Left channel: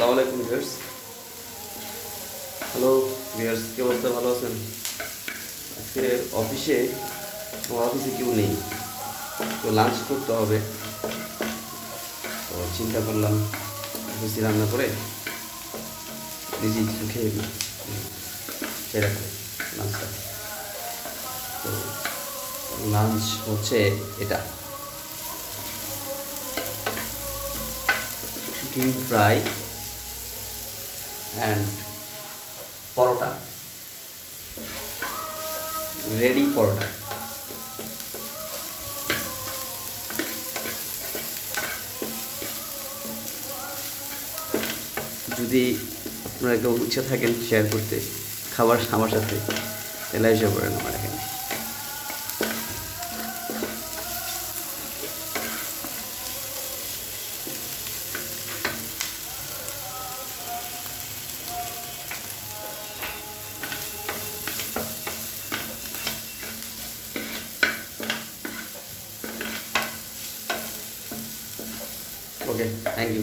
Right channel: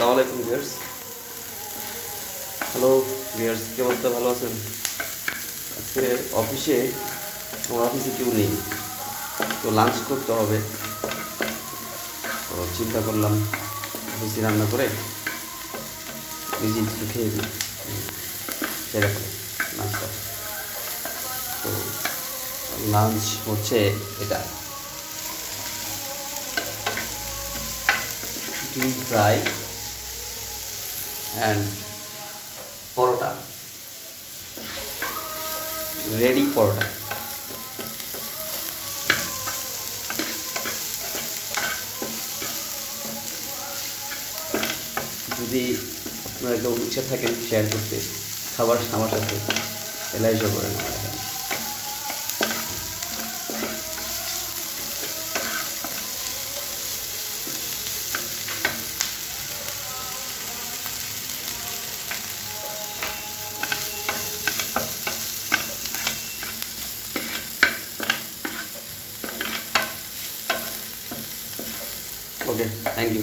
আসসালামু আলাইকুম viewers. Hello viewers, কি অবস্থা? ভালো আছেন? আজকে আমার অফিসে কেউ নেই, তো লাঞ্চ করতে হবে। তো চিন্তা করলাম অফিসে রান্না করে নিজেই কিছু খেয়ে দিই। সেরকম লাঞ্চটা। তো লাঞ্চ হচ্ছে এটা, chicken fry and paratha, ready paratha. যদি আপনারা কেউ ইচ্ছা থাকেন শেয়ার করতে খাবার আমার সাথে, তাহলে এসে করেন আমার এখানে। ওকে, থ্যাংক ইউ।